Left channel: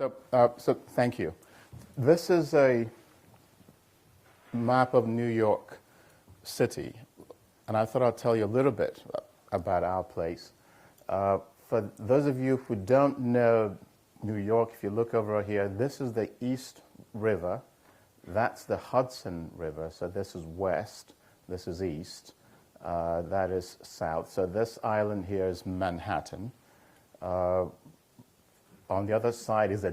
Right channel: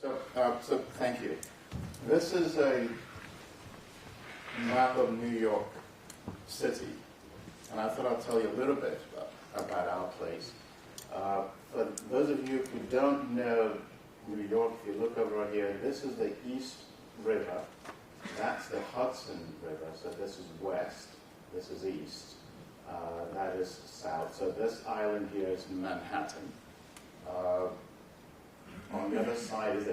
So thank you. This is a map of New York City, and I thought I'd tell you a little bit about our place. For those of you who don't know New York, if you look over here, this is the East River. That's the Hudson River, so this is west, this is east, that is south. So this island here is Manhattan. On the other side is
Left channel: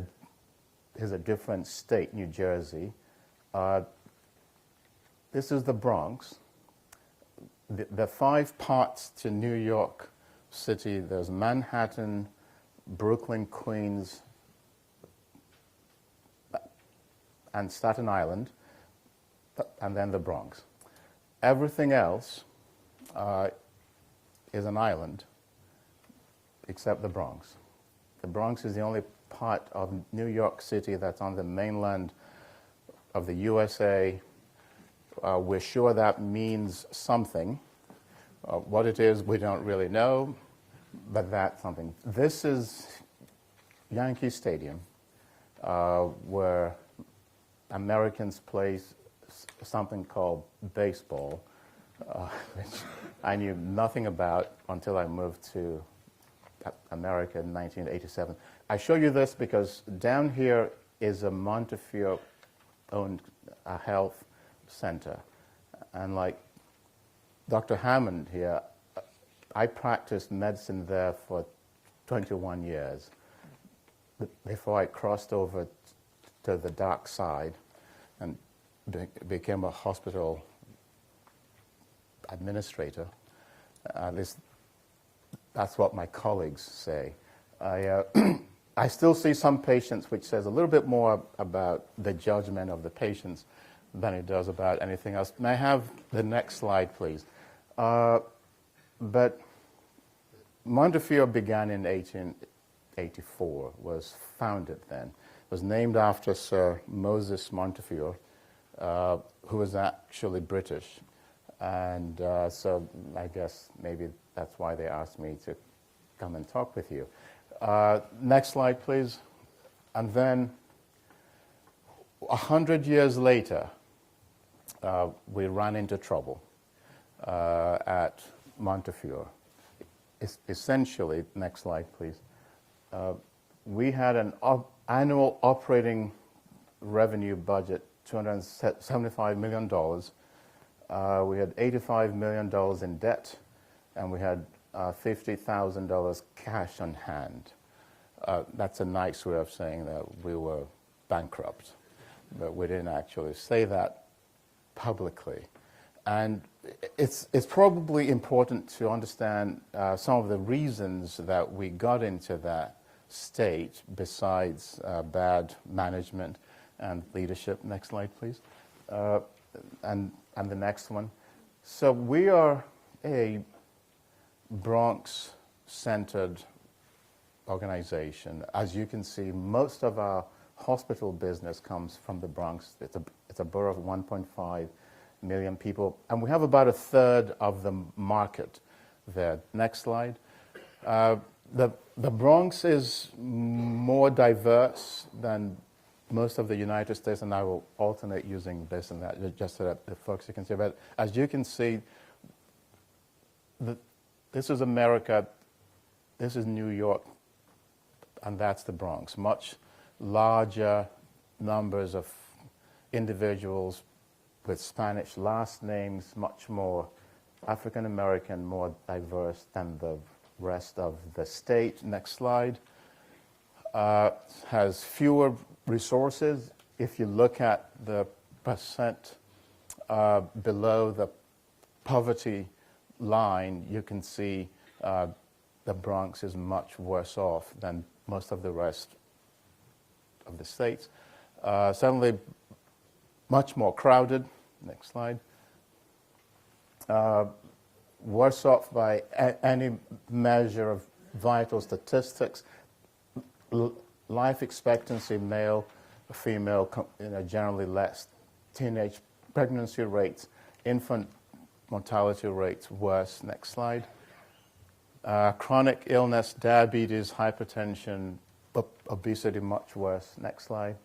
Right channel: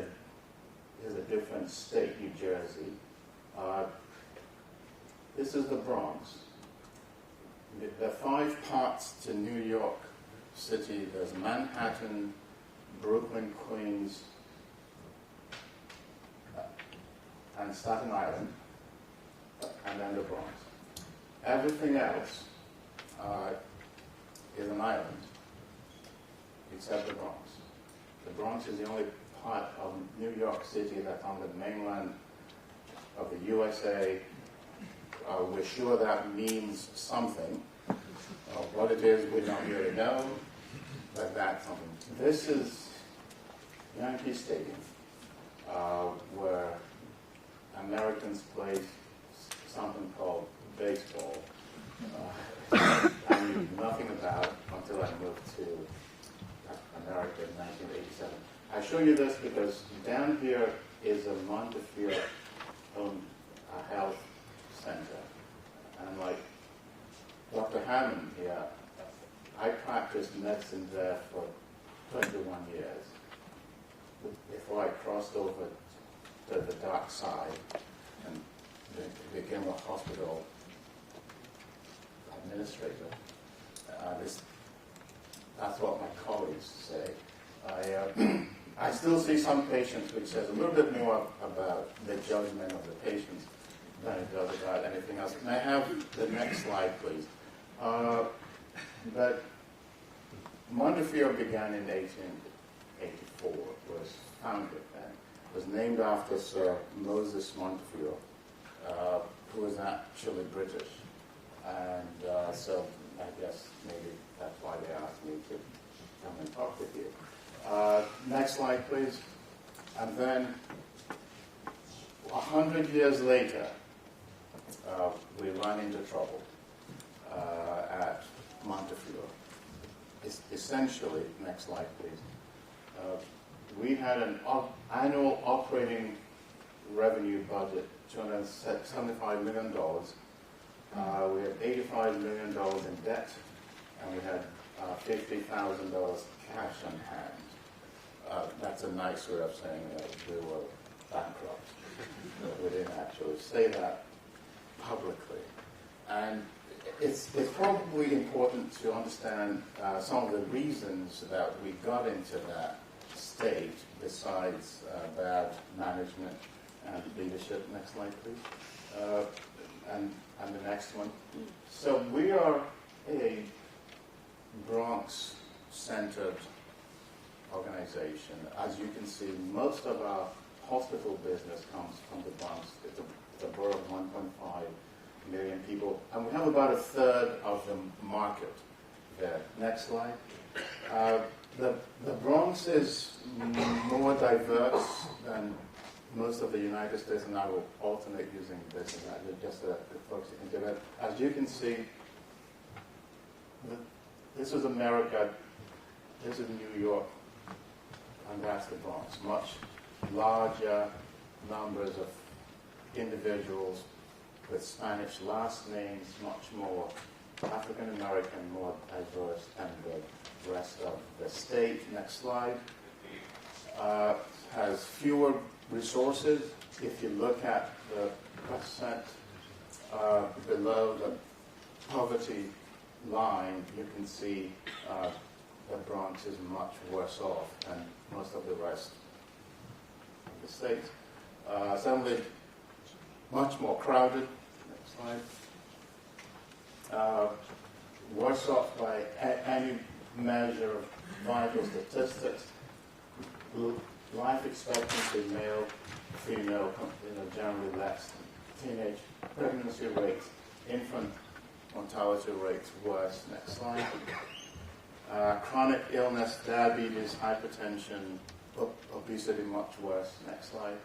a different state, New Jersey. This is the Bronx. The five parts to New York City, there's Manhattan, Brooklyn, Queens, and Staten Island, and then the Bronx. Everything else is an island, except the Bronx. The Bronx is the only part of New York City that's on the mainland of the USA. We're sure that means something. What it is, we don't really know, but that's something. This is Yankee Stadium, where Americans play something called baseball. I knew nothing about until I moved to America in 1987. I show you this because down here is a Montefiore owned health center. And like Dr. Hammond here, I practiced medicine there for 21 years before I crossed over to the dark side and became a hospital administrator. That's what my colleagues say. I still see some patients, which says a little bit more about the judgment of the patients than it does about anything else. May I have the next slide, please? But Montefiore began in 1884, was founded then. It was named after Sir Moses Montefiore, who was actually British. And so I guess maybe that's why they asked me to come and talk with you. Next slide, please. And then 100 years later, we ran into trouble at Montefiore. Essentially, next slide, please. We had an annual operating revenue budget, $275 million. We had $85 million in debt, and we had $50,000 cash on hand. That's a nice way of saying that we were bankrupt, but we didn't actually say that publicly. And it's probably important to understand some of the reasons that we got into that state besides bad management and leadership. Next slide, please. And the next one. So we are a Bronx-centered organization. As you can see, most of our hospital business comes from the Bronx. It's a borough of 1.5 million people, and we have about a third of the market there. Next slide. The Bronx is more diverse than most of the United States, and I will alternate using this and that just so that the folks you can see. But as you can see, this is America, this is New York, and that's the Bronx. Much larger numbers of individuals with Spanish last names, much more African American, more diverse than the rest of the state. Next slide. Has fewer resources. If you look at the percent below the poverty line, you can see the Bronx is much worse off than most of the rest of the states. Certainly much more crowded. Next slide. Worse off by any measure of vital statistics. Life expectancy, male, female, generally less. Teenage pregnancy rates, infant mortality rates worse. Next slide. Chronic illness, diabetes, hypertension, obesity much worse. Next slide.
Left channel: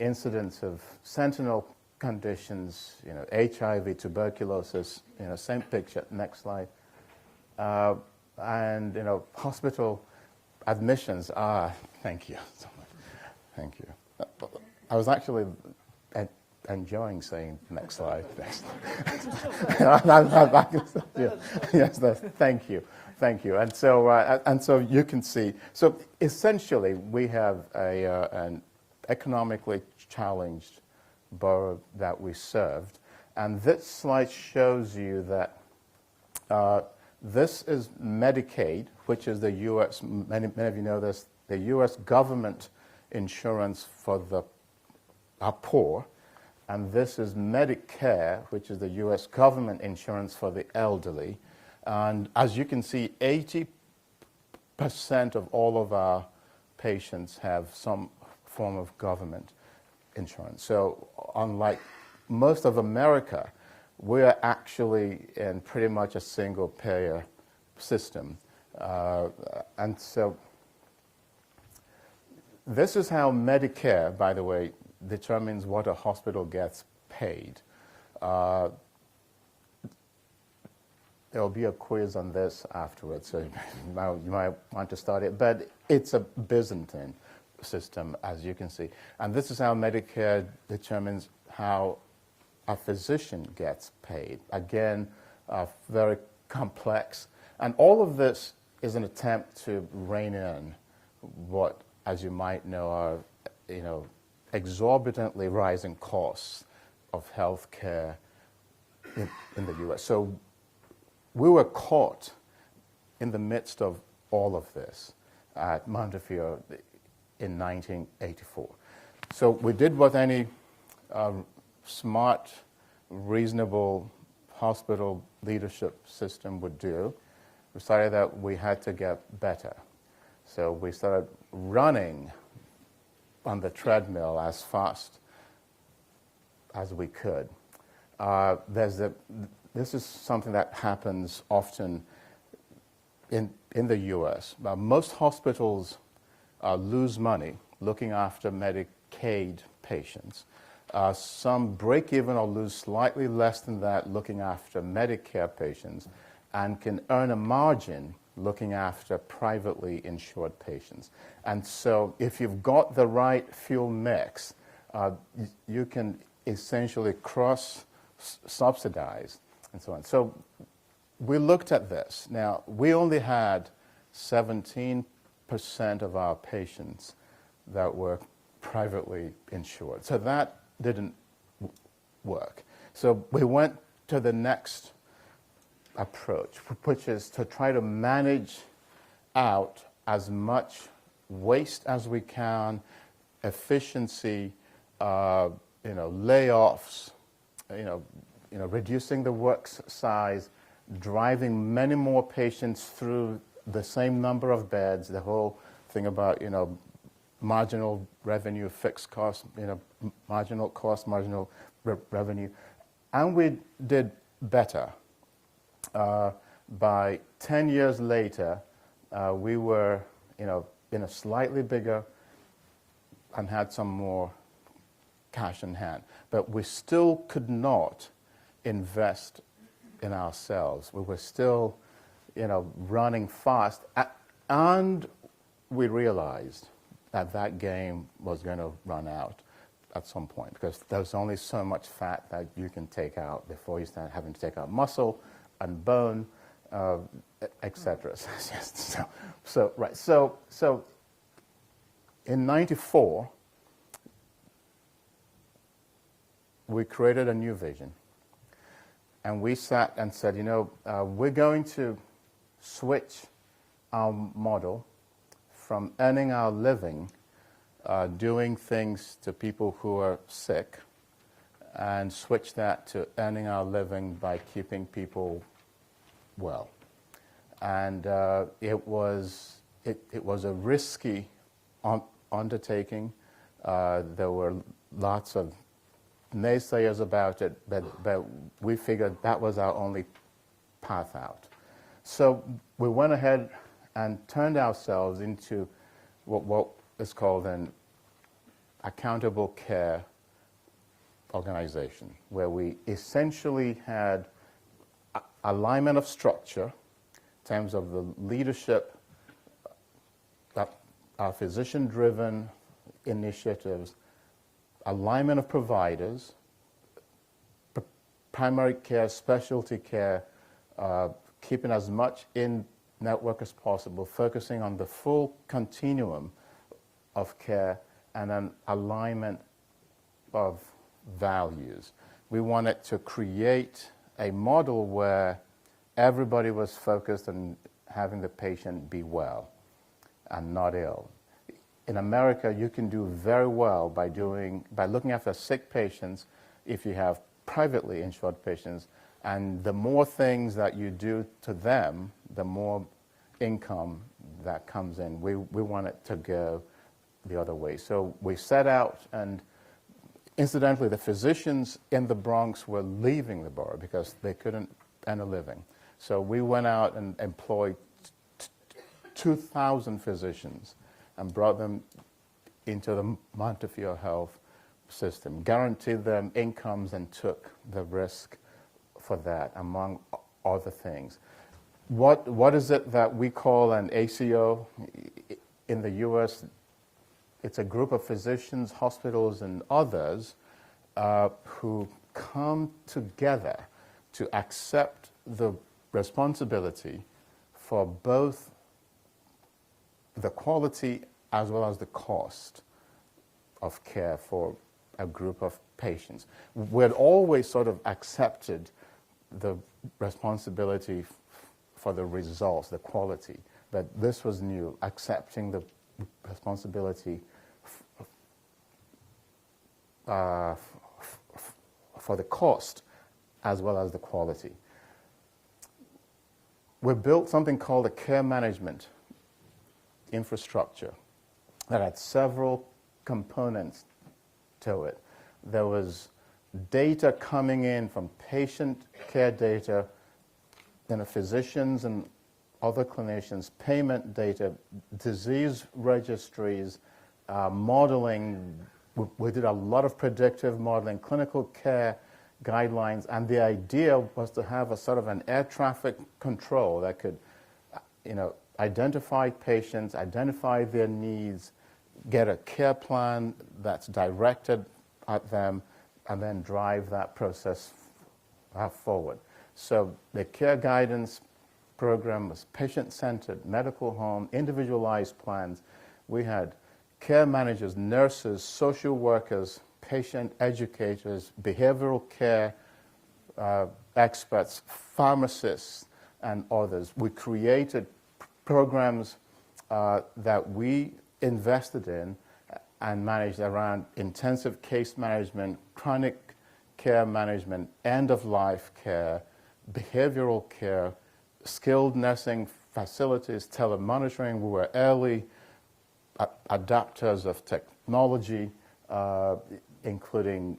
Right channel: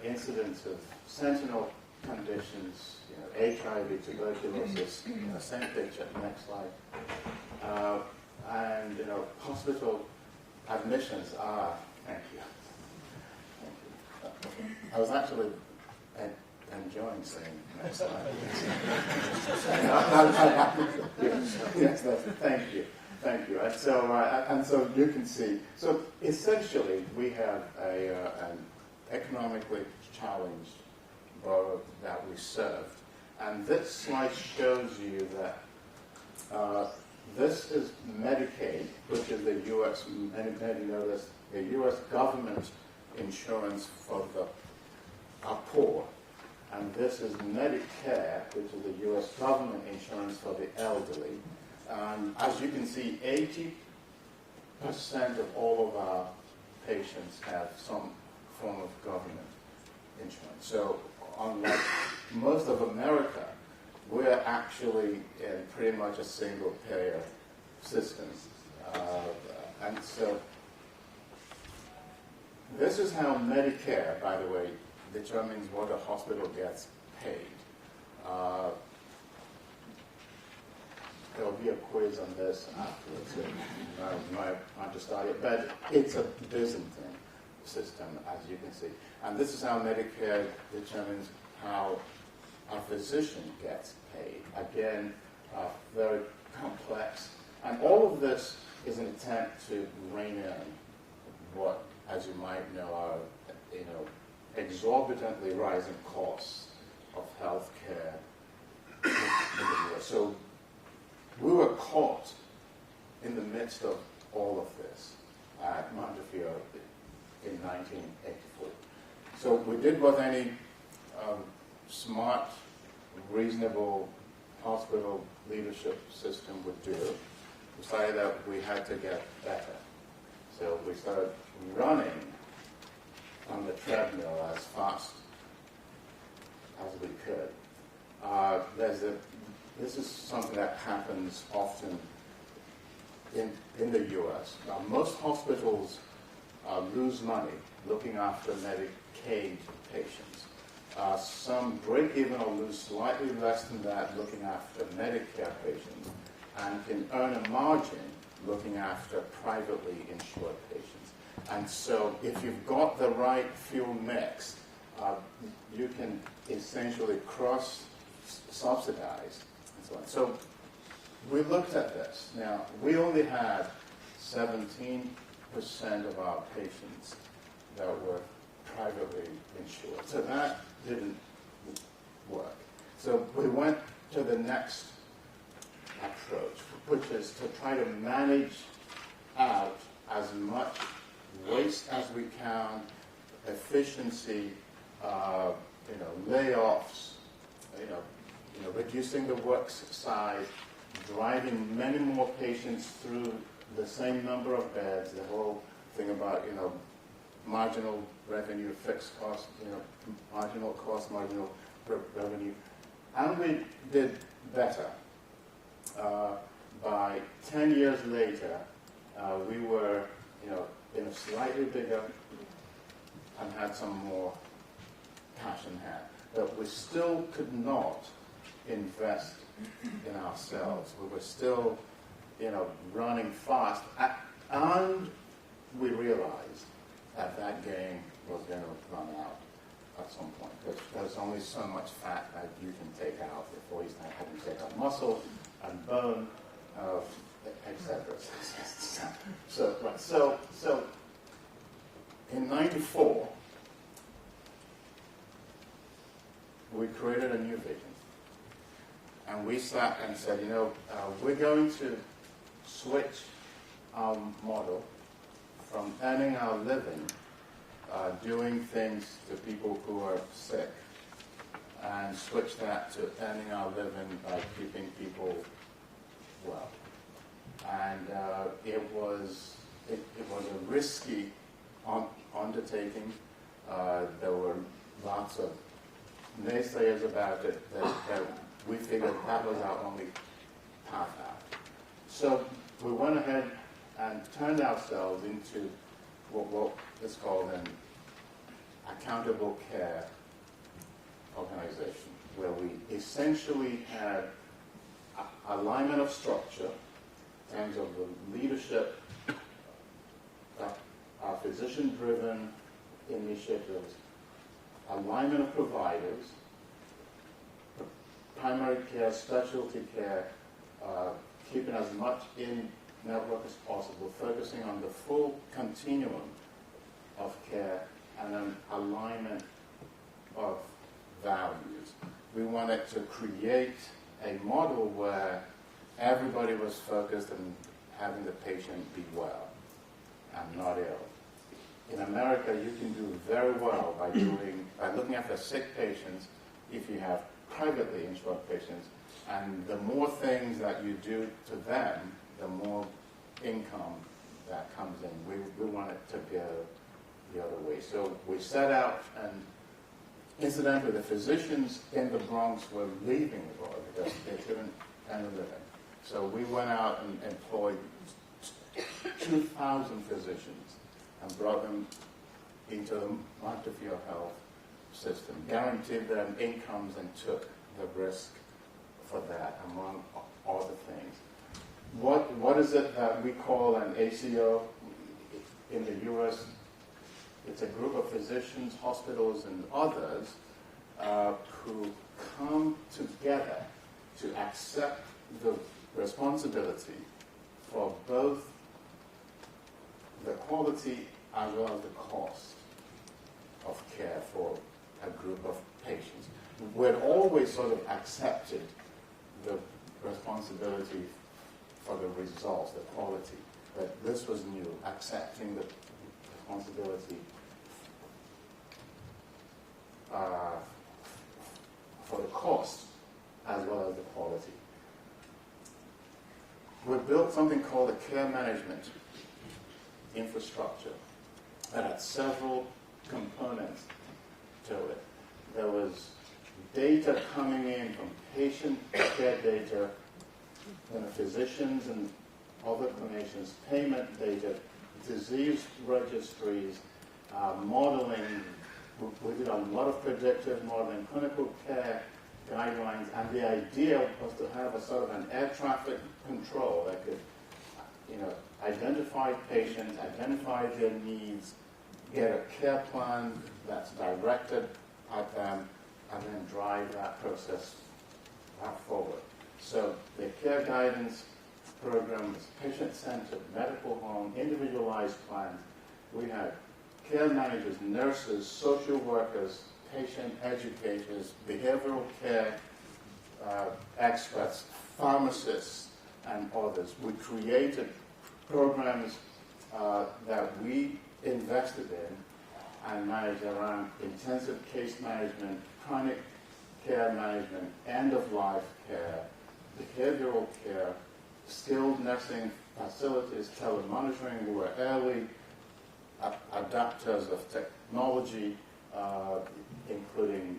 Incidence of sentinel conditions, HIV, tuberculosis, same picture. Next slide. And hospital admissions are. Thank you. Thank you. I was actually enjoying saying next slide. Yes, thank you. Thank you. And so you can see. So essentially, we have an economically challenged borough that we serve, and this slide shows you that this is Medicaid, which is the U.S. Many of you know this. The U.S. government insurance for our poor, and this is Medicare, which is the U.S. government insurance for the elderly. And as you can see, 80% of all of our patients have some form of government insurance. So unlike most of America, we're actually in pretty much a single payer system. And so this is how Medicare, by the way, determines what a hospital gets paid. There will be a quiz on this afterwards, so you might want to start it. But it's a Byzantine system, as you can see. And this is how Medicare determines how a physician gets paid. Again, very complex. And all of this is an attempt to rein in what, as you might know, are exorbitantly rising costs of health care in the U.S. So we were caught in the midst of all of this at Montefiore in 1984. So we did what any smart, reasonable hospital leadership system would do. We decided that we had to get better. So we started running on the treadmill as fast as we could. This is something that happens often in the U.S. Now, most hospitals lose money looking after Medicaid patients. Some break even or lose slightly less than that looking after Medicare patients, and can earn a margin looking after privately insured patients. And so if you've got the right fuel mix, you can essentially cross-subsidize and so on. So we looked at this. Now, we only had 17% of our patients that were privately insured. So that didn't work. So we went to the next approach, which is to try to manage out as much waste as we can, efficiency, layoffs, reducing the work size, driving many more patients through the same number of beds, the whole thing about, marginal revenue, fixed cost, marginal cost, marginal revenue. And we did better. By 10 years later, we were, slightly bigger and had some more cash in hand. But we still could not invest in ourselves. We were still, running fast. And we realized that game was going to run out at some point, because there's only so much fat that you can take out before you start having to take out muscle and bone, etc. So in '94, we created a new vision, and we sat and said, we're going to switch our model from earning our living doing things to people who are sick, and switch that to earning our living by keeping people well. And it was a risky undertaking. There were lots of naysayers about it, but we figured that was our only path out. So we went ahead and turned ourselves into what is called an accountable care organization, where we essentially had alignment of structure in terms of the leadership, our physician-driven initiatives, alignment of providers, primary care, specialty care, keeping as much in network as possible, focusing on the full continuum of care, and then alignment of values. We wanted to create a model where everybody was focused on having the patient be well and not ill. In America, you can do very well by looking after sick patients if you have privately insured patients, and the more things that you do to them, the more income that comes in. We want it to go the other way. So we set out, and incidentally, the physicians in the Bronx were leaving the borough because they couldn't earn a living. So we went out and employed 2,000 physicians and brought them into the Montefiore health system, guaranteed them incomes, and took the risk for that, among other things. What is it that we call an ACO in the U.S.? It's a group of physicians, hospitals, and others who come together to accept the responsibility for both the quality as well as the cost of care for a group of patients. We've always sort of accepted the responsibility for the results, the quality, but this was new, accepting the responsibility for the cost as well as the quality. We built something called a care management infrastructure that had several components to it. There was data coming in from patient care data, then the physicians and other clinicians, payment data, disease registries, modeling. We did a lot of predictive modeling, clinical care guidelines, and the idea was to have a sort of an air traffic control that could, identify patients, identify their needs, get a care plan that's directed at them, and then drive that process forward. So the care guidance program was patient-centered, medical home, individualized plans. We had care managers, nurses, social workers, patient educators, behavioral care experts, pharmacists, and others. We created programs that we invested in and managed around intensive case management, chronic care management, end-of-life care, behavioral care, skilled nursing facilities, telemonitoring. We were early adapters of technology, including,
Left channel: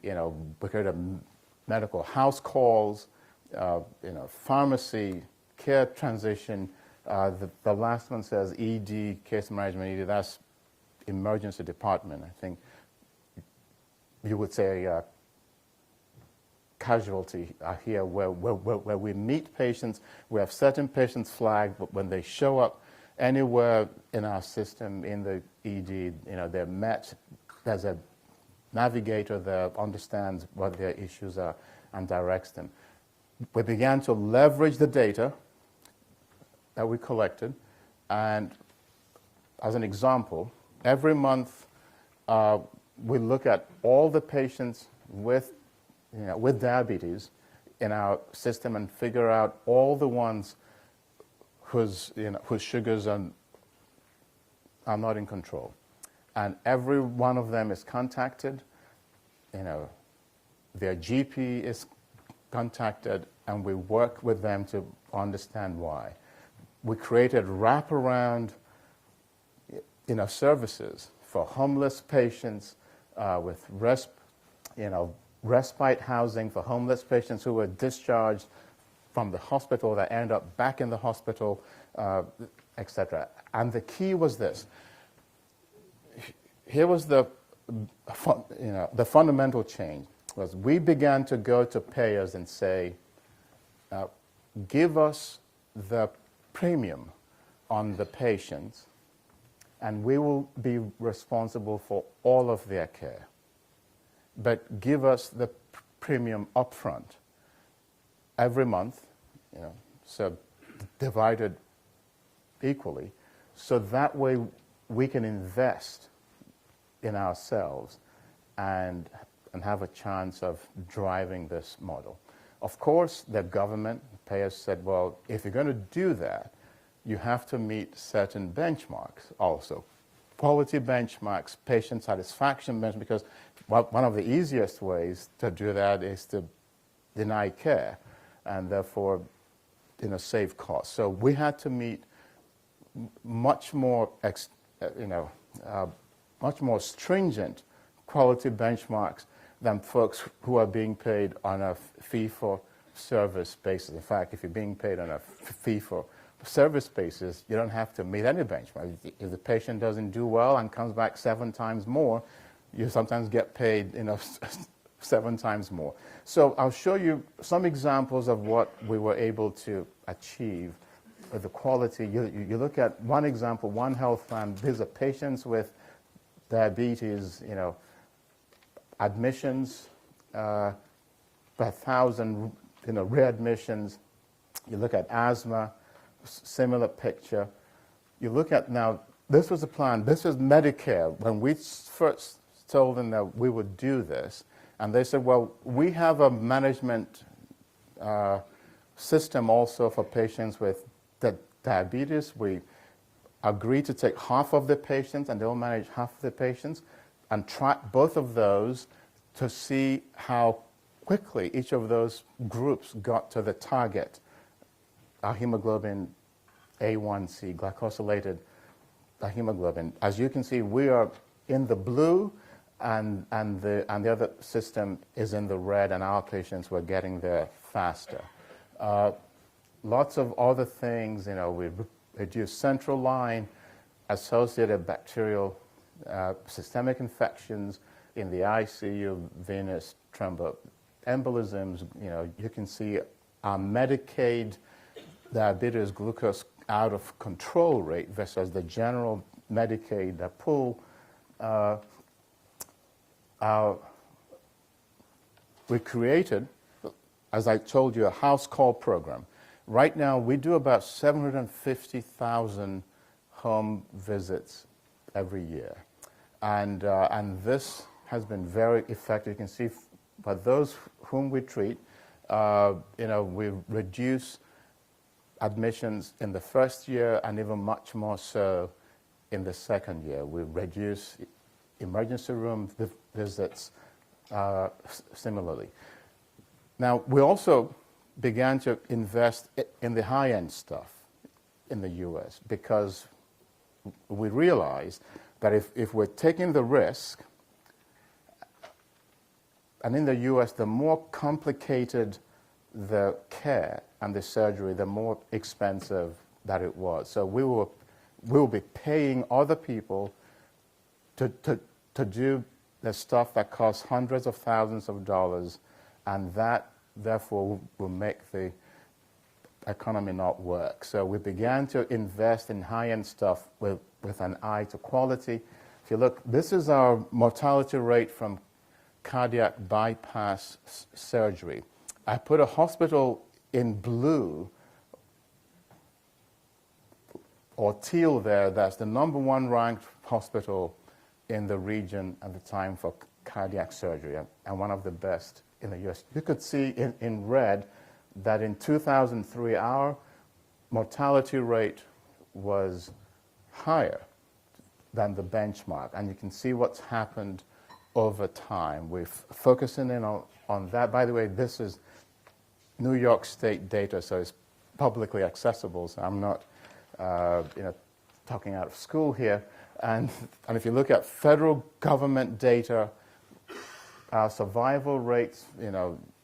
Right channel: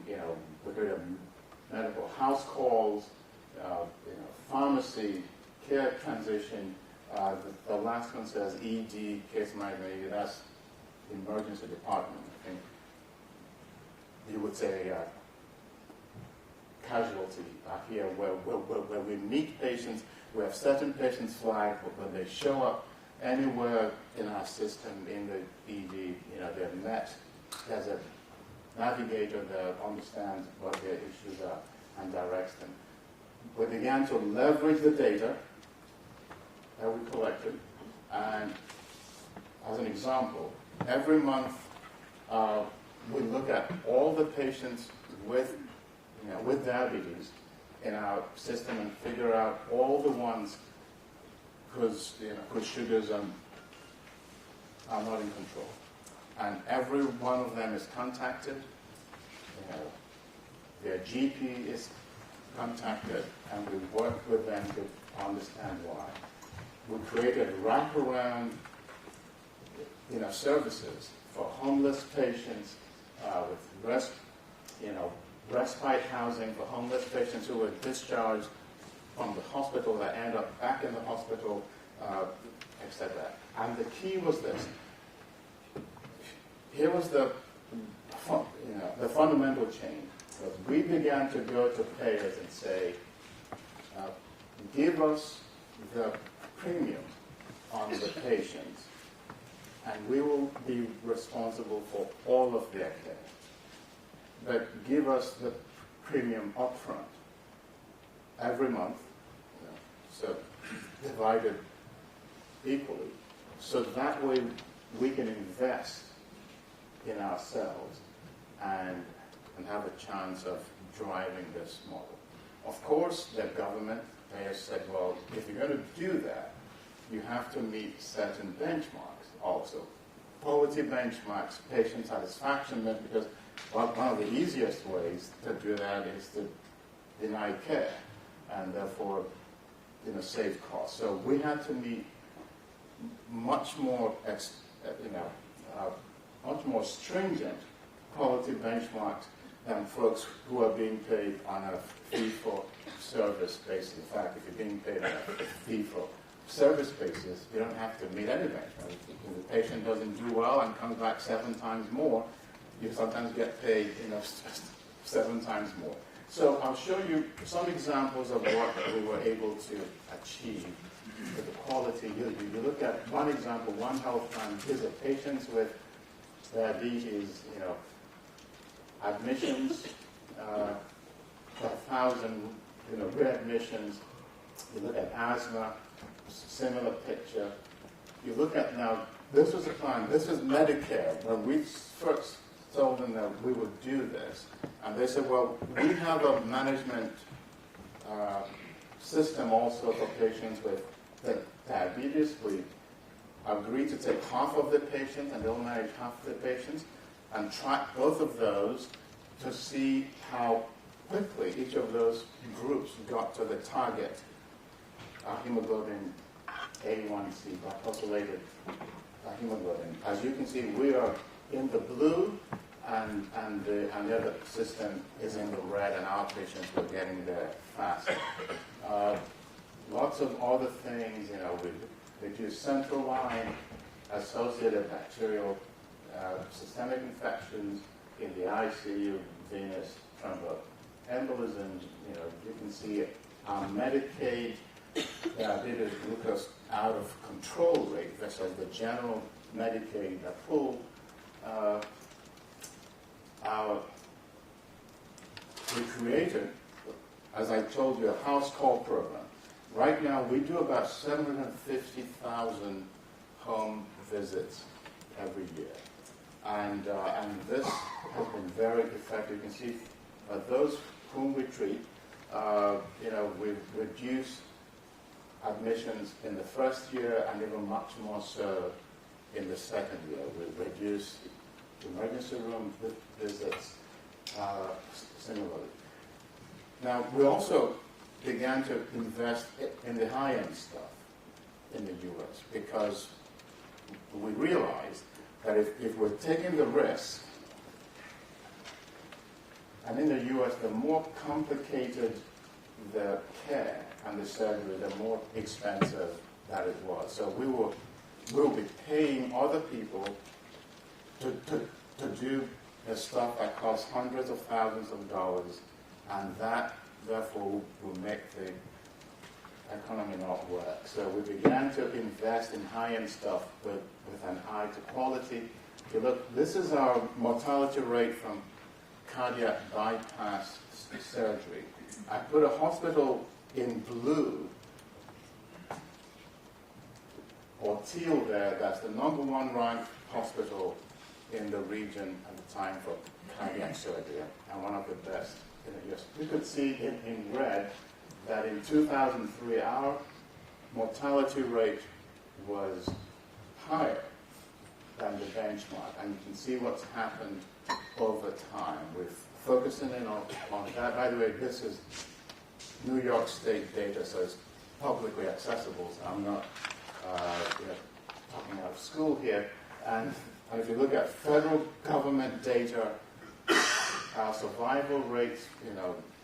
we created medical house calls, pharmacy, care transition. The last one says ED, case management, that's emergency department. I think you would say casualty here, where we meet patients. We have certain patients flagged, but when they show up anywhere in our system in the ED, they're met. There's a navigator that understands what their issues are and directs them. We began to leverage the data that we collected, and as an example, every month we look at all the patients with diabetes in our system and figure out all the ones whose sugars are not in control. And every one of them is contacted, their GP is contacted, and we work with them to understand why. We created wraparound services for homeless patients with respite housing for homeless patients who were discharged from the hospital that end up back in the hospital, etc. And the key was this. here was the fundamental change. Was we began to go to payers and say, give us the premium on the patients, and we will be responsible for all of their care. But give us the premium upfront every month, so divided equally, so that way we can invest in ourselves and have a chance of driving this model. Of course, the government payers said, well, if you're going to do that, you have to meet certain benchmarks also. Quality benchmarks, patient satisfaction benchmarks, because one of the easiest ways to do that is to deny care and therefore save costs. So we had to meet much more much more stringent quality benchmarks than folks who are being paid on a fee-for-service basis. In fact, if you're being paid on a fee-for-service basis, you don't have to meet any benchmark. If the patient doesn't do well and comes back 7 times more, you sometimes get paid 7 times more. So I'll show you some examples of what we were able to achieve with the quality. You look at one example, one health plan. These are patients with diabetes, admissions, 1,000, readmissions. You look at asthma, similar picture. You look at now, this was a plan, this is Medicare. When we first told them that we would do this, and they said, well, we have a management system also for patients with diabetes. We agree to take half of the patients, and they'll manage half of the patients, and track both of those to see how quickly each of those groups got to the target. Our hemoglobin A1C, glycosylated hemoglobin. As you can see, we are in the blue, and the other system is in the red, and our patients were getting there faster. Lots of other things, we reduced central line, associated bacterial systemic infections in the ICU, venous thromboembolisms. You can see our Medicaid diabetes glucose out of control rate versus the general Medicaid pool. We created, as I told you, a house call program. Right now, we do about 750,000 home visits every year. And this has been very effective. You can see for those whom we treat, we've reduced admissions in the first year and even much more so in the second year. We've reduced emergency room visits similarly. Now, we also began to invest in the high-end stuff in the U.S. because we realized that if we're taking the risk, and in the U.S., the more complicated the care and the surgery, the more expensive that it was. So we will be paying other people to do the stuff that costs hundreds of thousands of dollars, and that therefore will make the economy not work. So we began to invest in high-end stuff with an eye to quality. If you look, this is our mortality rate from cardiac bypass surgery. I put a hospital in blue or teal there. That's the #1 ranked hospital in the region at the time for cardiac surgery, and one of the best in the U.S. You could see in red that in 2003, our mortality rate was higher than the benchmark, and you can see what's happened over time. We're focusing in on that. By the way, this is New York State data, so it's publicly accessible, so I'm not talking out of school here. And if you look at federal government data, our survival rates,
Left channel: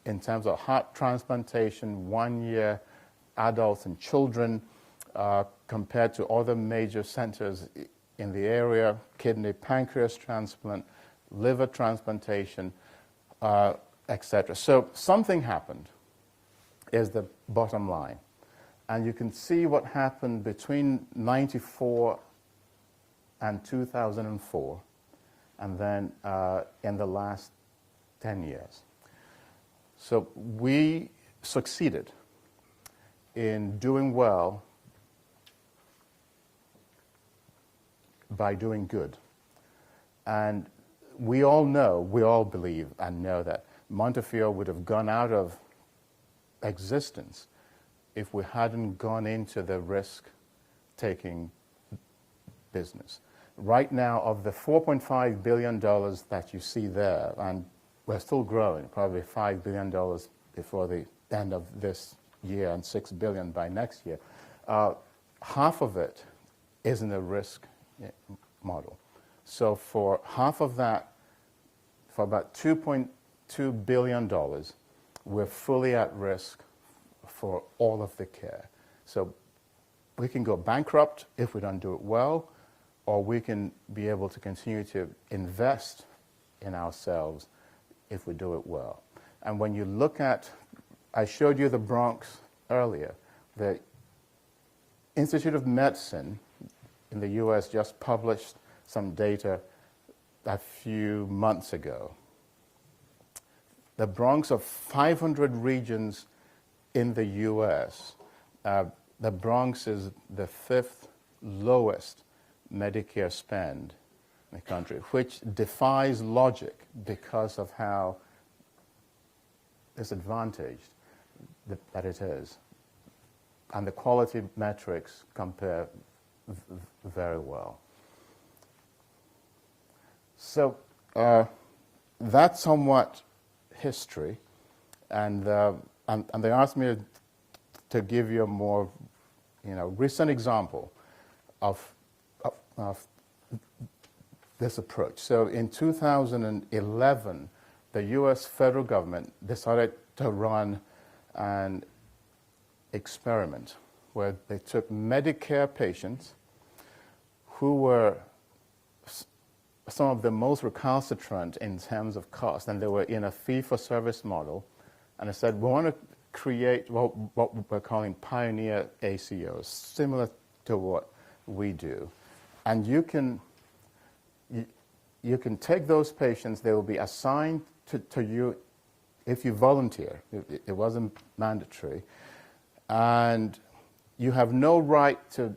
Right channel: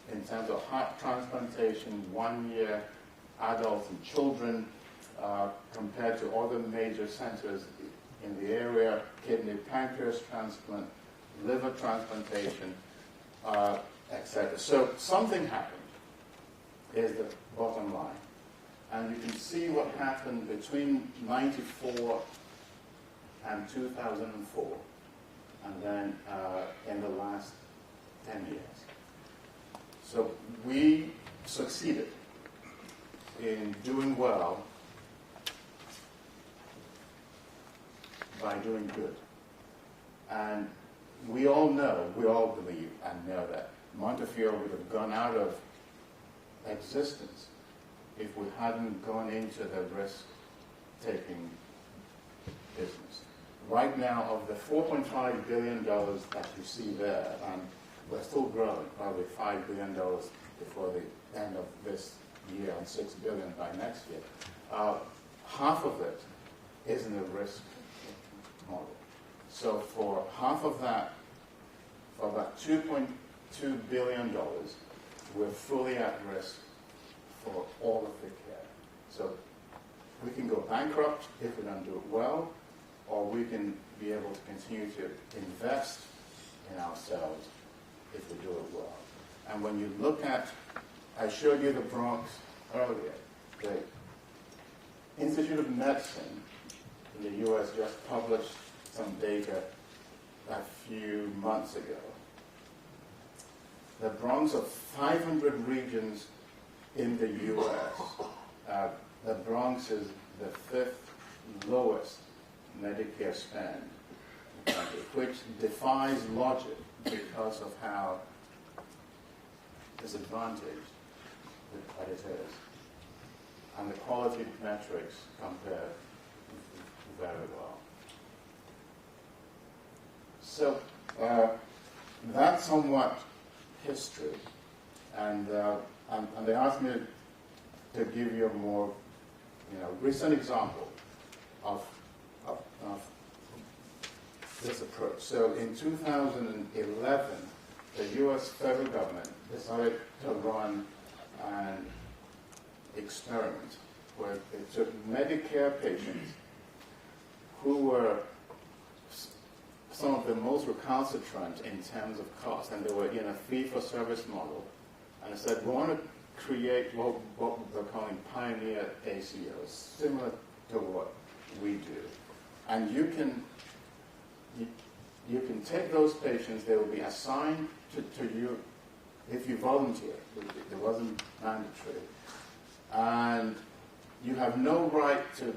in terms of heart transplantation, 1 year, adults and children, compared to other major centers, in the area, kidney, pancreas transplant, liver transplantation, etc. So something happened, is the bottom line. And you can see what happened between 94 and 2004, and then in the last 10 years. So we succeeded in doing well by doing good. And we all know, we all believe and know that Montefiore would have gone out of existence if we hadn't gone into the risk-taking business. Right now, of the $4.5 billion that you see there, and we're still growing, probably $5 billion before the end of this year and $6 billion by next year, half of it is in a risk model. So for half of that, for about $2.2 billion, we're fully at risk for all of the care. So we can go bankrupt if we don't do it well, or we can be able to continue to invest in ourselves if we do it well. And when you look at, I showed you the Bronx earlier, the Institute of Medicine in the US just published some data a few months ago. The Bronx, of 500 regions in the US, the Bronx is the 5th lowest Medicare spend in the country, which defies logic because of how disadvantaged that it is. And the quality metrics compare very well. So that's somewhat history, and they asked me to give you a more, recent example of this approach. So in 2011, the U.S. federal government decided to run an experiment where they took Medicare patients who were some of the most recalcitrant in terms of cost, and they were in a fee-for-service model, and they said, we want to create what we're calling pioneer ACOs, similar to what we do. And you can take those patients, they will be assigned to you if you volunteer. It wasn't mandatory. And you have no right to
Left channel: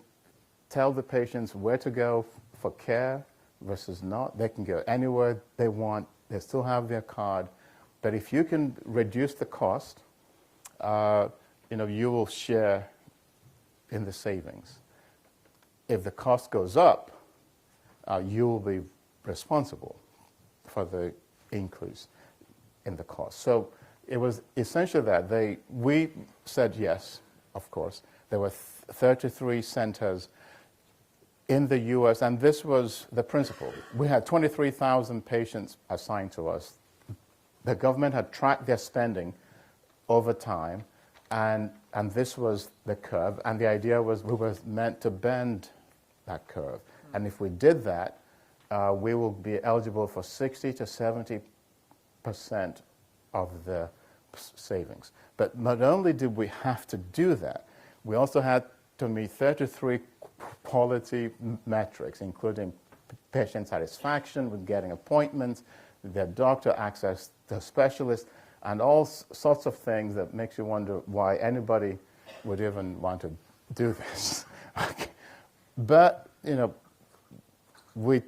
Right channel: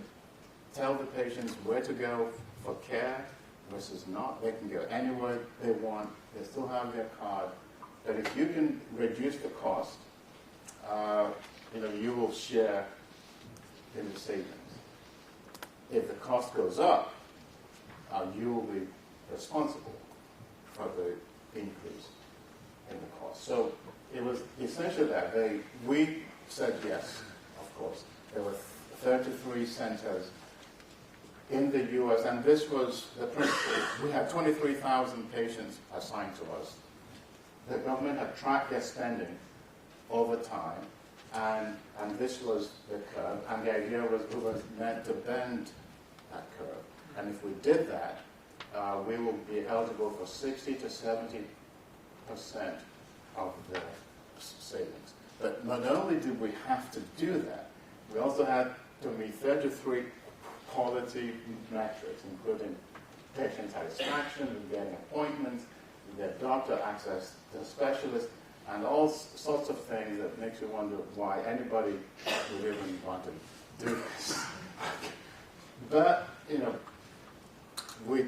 tell the patients where to go for care versus not. They can go anywhere they want. They still have their card. But if you can reduce the cost, you will share in the savings. If the cost goes up, you will be responsible for the increase in the cost. So it was essentially that. We said yes, of course. There were 33 centers in the U.S., and this was the principle. We had 23,000 patients assigned to us. The government had tracked their spending over time, and this was the curve, and the idea was we were meant to bend that curve. And if we did that, we will be eligible for 60 to 70% of the savings. But not only did we have to do that, we also had to meet 33 quality metrics, including patient satisfaction with getting appointments, their doctor access to specialists, and all sorts of things that makes you wonder why anybody would even want to do this. But, we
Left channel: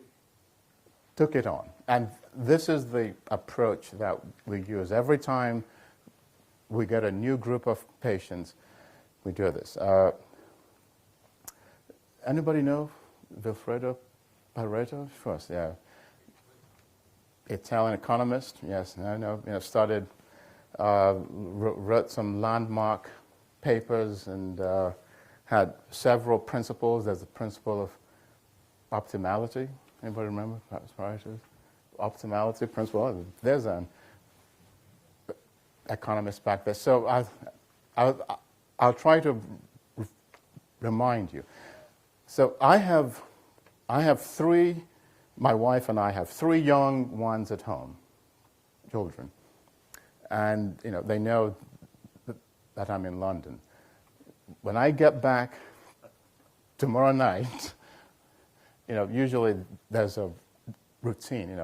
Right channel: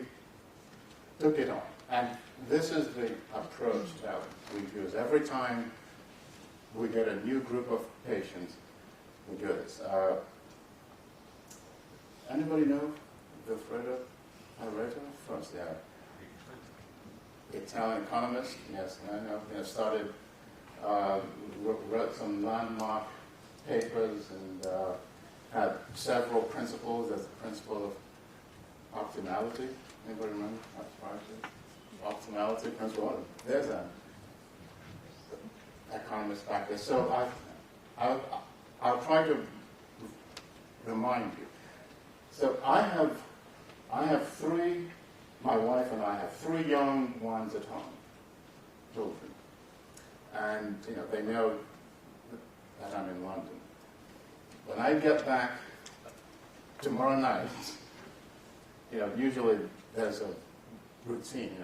took it on. And this is the approach that we use. Every time we get a new group of patients, we do this. Anybody know Vilfredo Pareto? Of course, yeah. Italian economist, yes, I know. Started, wrote some landmark papers and had several principles. There's the principle of optimality. Anybody remember? That's right. Optimality principle. Oh, there's an economist back there. So I'll try to remind you. So I my wife and I have 3 young ones at home, children. And, they know that I'm in London. When I get back tomorrow night, usually there's a routine,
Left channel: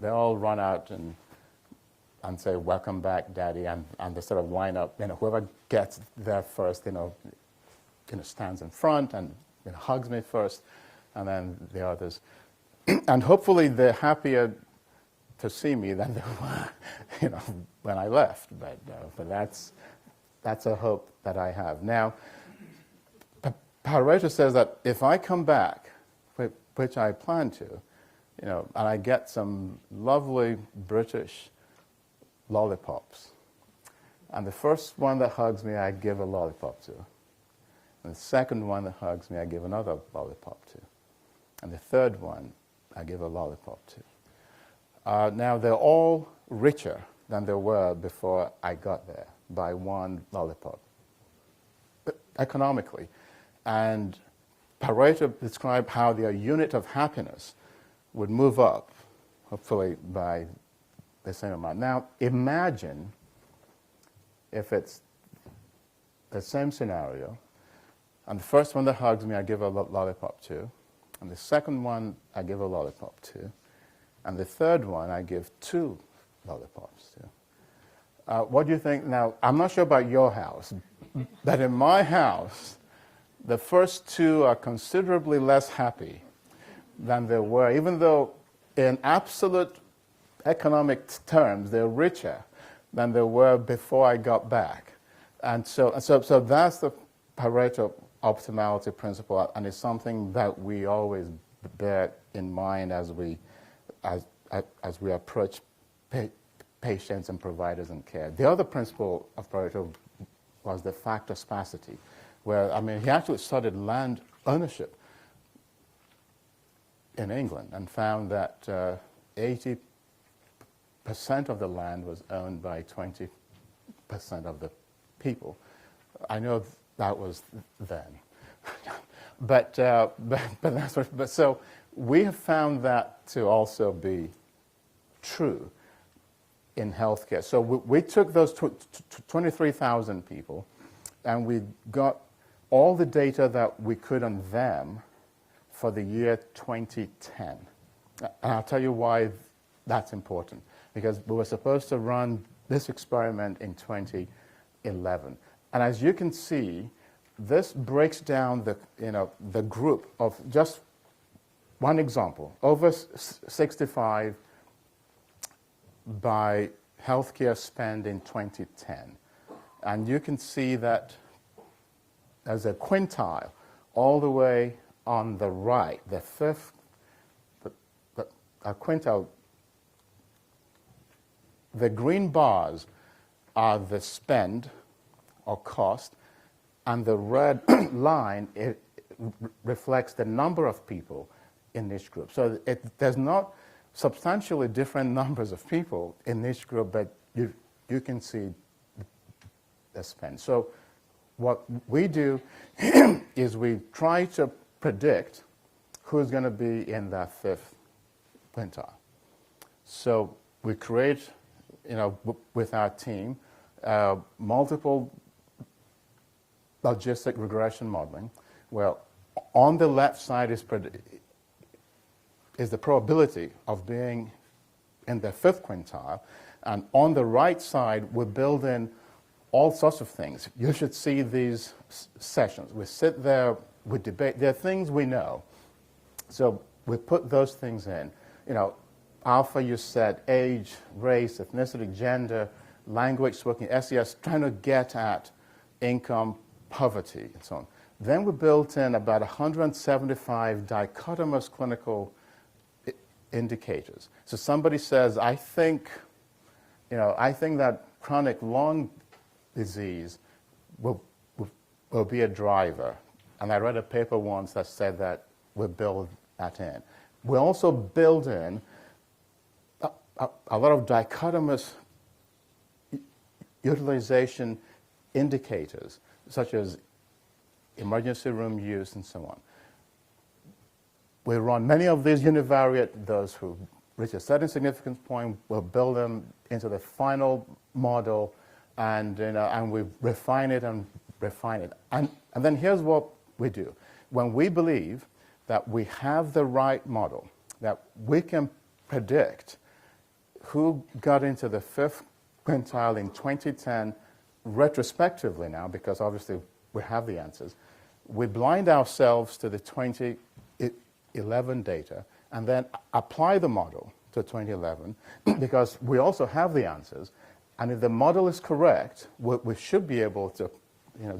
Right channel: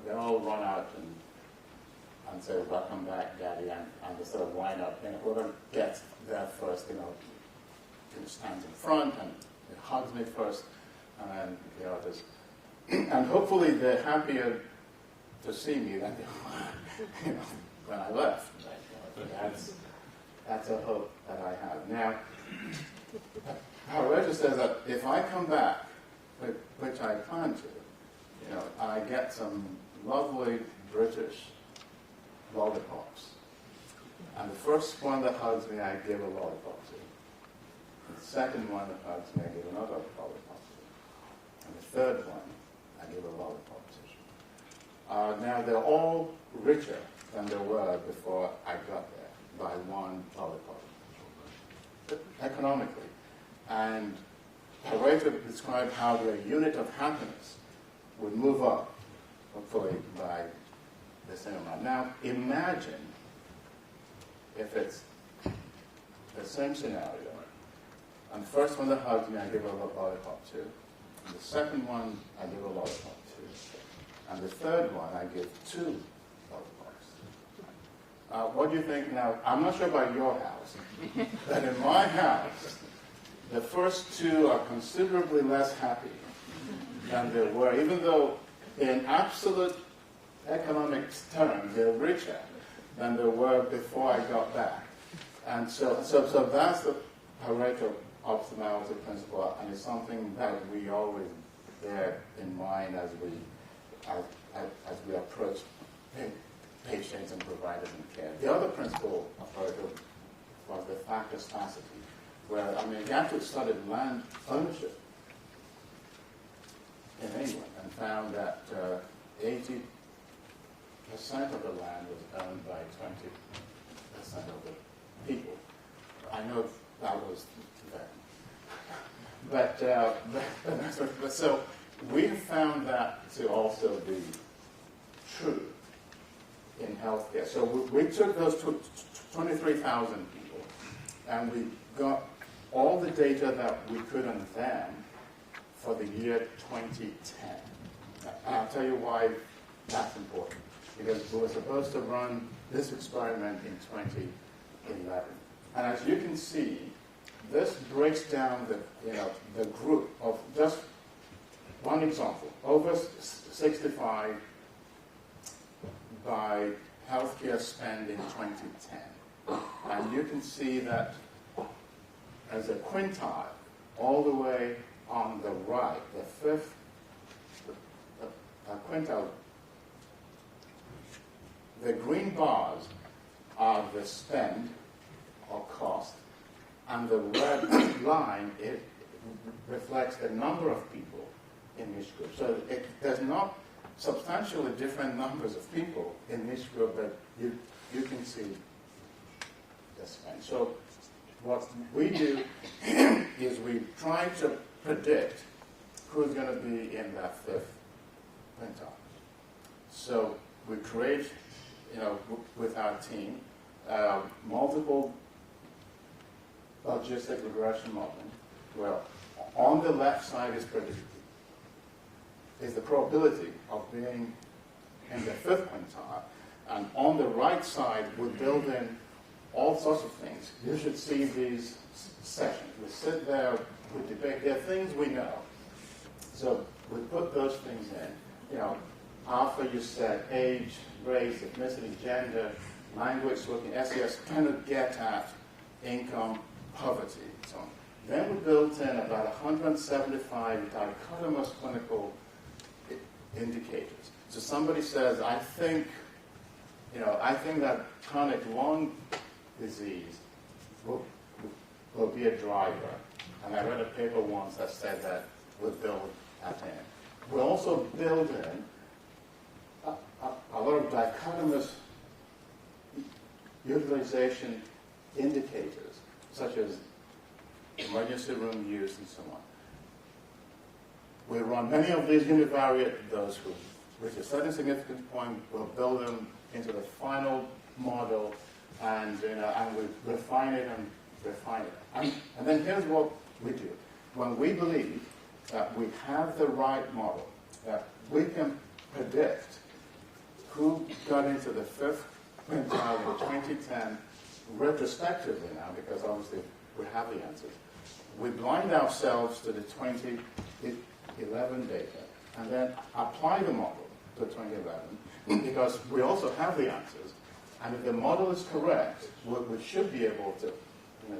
they all run out and say, "Welcome back, Daddy," and they sort of wind up, whoever gets there first, stands in front and hugs me first, and then the others. And hopefully they're happier to see me than they were, when I left. But that's a hope that I have. Now, Pareto says that if I come back, which I plan to, and I get some lovely British lollipops, and the first one that hugs me, I give a lollipop to. And the second one that hugs me, I give another lollipop to. And the third one, I give a lollipop to. Now, they're all richer than they were before I got there by one lollipop, but economically. And Pareto described how their unit of happiness would move up, hopefully by the same amount. Now, imagine if it's the same scenario, and the first one that hugs me, I give a lollipop to, and the second one, I give a lollipop to, and the third one, I give 2 lollipops to. What do you think? Now, I'm not sure about your house, but in my house, the first 2 are considerably less happy than they were, even though in absolute economic terms, they're richer than they were before I got back. And so that's the Pareto optimality principle, and it's something that we always bear in mind as we approach patients and providers in care. The other principle of Pareto was the factor sparsity, where, he actually studied land ownership in England and found that 80% of the land was owned by 20% of the people. I know that was then. But so we have found that to also be true in healthcare. So we took those 23,000 people and we got all the data that we could on them for the year 2010. And I'll tell you why that's important. Because we were supposed to run this experiment in 2011. And as you can see, this breaks down the group of, just one example, over 65 by healthcare spend in 2010. And you can see that as a quintile all the way on the right, the fifth quintile. The green bars are the spend or cost, and the red line, it reflects the number of people in each group. So there's not substantially different numbers of people in each group, but you can see the spend. So what we do is we try to predict who's going to be in that fifth quintile. So we create, with our team, multiple logistic regression modeling, where on the left side is the probability of being in the fifth quintile, and on the right side we build in all sorts of things. You should see these sessions. We sit there, we debate. There are things we know, so we put those things in. Alpha, you said age, race, ethnicity, gender, language spoken, SES, trying to get at income, poverty, and so on. Then we built in about 175 dichotomous clinical indicators. So somebody says, I think that chronic lung disease will be a driver. And I read a paper once that said that we build that in. We also build in a lot of dichotomous utilization indicators, such as emergency room use and so on. we run many of these univariate, those who reach a certain significance point, we'll build them into the final model, and, and we refine it and refine it. And then here's what we do. When we believe that we have the right model, that we can predict who got into the fifth quintile in 2010, retrospectively now, because obviously we have the answers, we blind ourselves to the 2011 data and then apply the model to 2011 because we also have the answers. And if the model is correct, we should be able to